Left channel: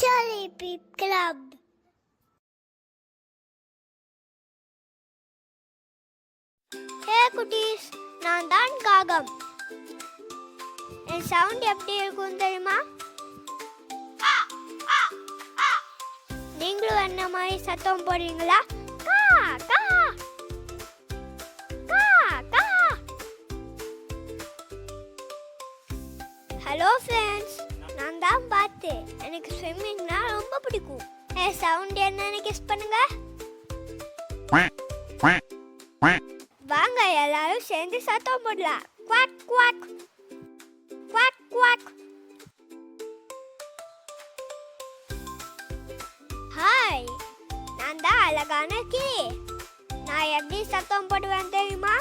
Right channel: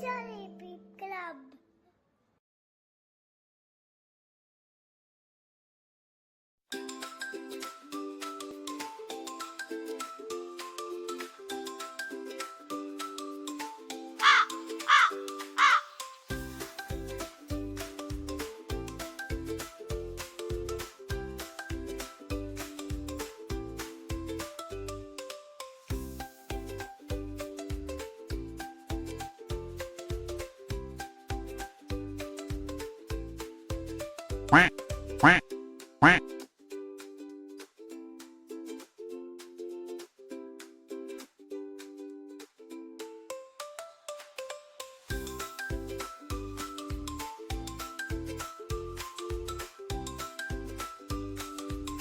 Jolly Beep Club. Hey குட்டீஸ், நான் தான் காகம். என் சவுண்ட் எப்படி இருக்கும் தெரியுமா? நீங்களும் என்ன மாதிரி சத்தம் போடுறீங்களா? கா கா கா கா. ஹலோ ஃப்ரெண்ட்ஸ், நான் தான் பாத்து. எனக்கு ஸ்விம்மிங்னா ரொம்ப பிடிக்கும். என் சவுண்ட் என்னன்னு கெஸ் பண்ணுங்க. வாங்க எல்லாரும் சேர்ந்து சத்தம் போடலாம். Quack quack quack quack. Hi, நான் தான் அழகான கிளி. நான் எப்படி சத்தம் போடுவேன் தெரியுமா?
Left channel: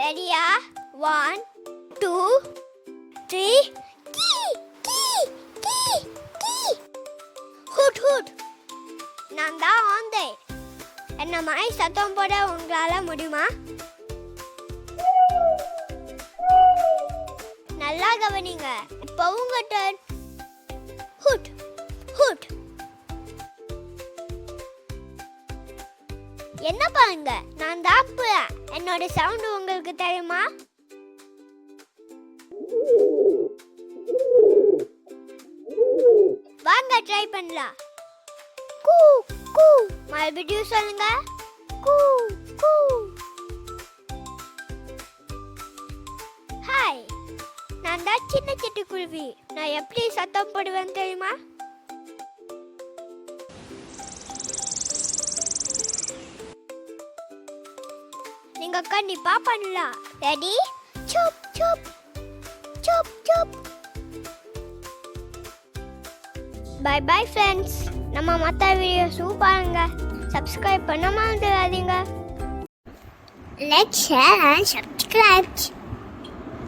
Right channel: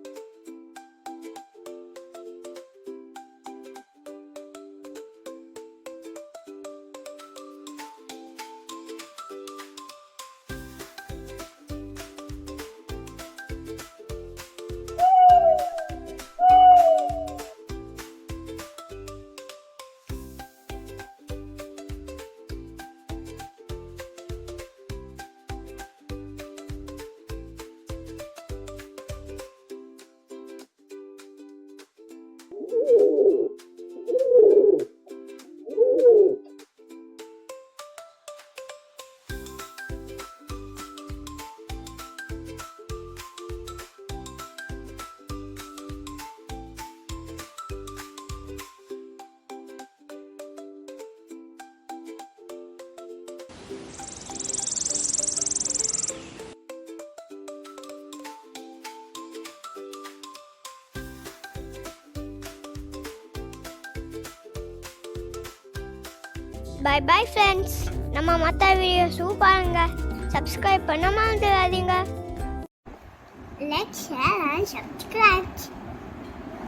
ரெடியா? 1 2 3. கீ கீ கீ கீ. Hoot hoot. நான் தான் ஆந்தை. என்ன மாதிரி சத்தம் போட உங்களால முடியுமா? நல்லா கவனிங்க. இப்போ உங்க டர்ன். Hood hood. என்ன பாருங்க, நான் தான் புறா. என்னோட சவுண்ட் உங்களுக்கு தெரியுமா? வாங்க ட்ரை பண்ணலாம். கூ கூ. மறுபடியும் சொல்லுங்க. கூ கூ. ஹாய், நான் தான் சின்ன சிட்டுக்குருவி. நான் எப்படி சத்தம் போடுவேன் தெரியுமா? நீங்க கண்டிப்பா பண்ணலாம். ரெடி? சூப் சூப் சூப் சூப். Bye bye friends. நம்ம மற்ற வீடியோஸும் பாருங்க. சப்ஸ்கிரைப் பண்ண மறந்துடாதீங்க. Let's share and subscribe.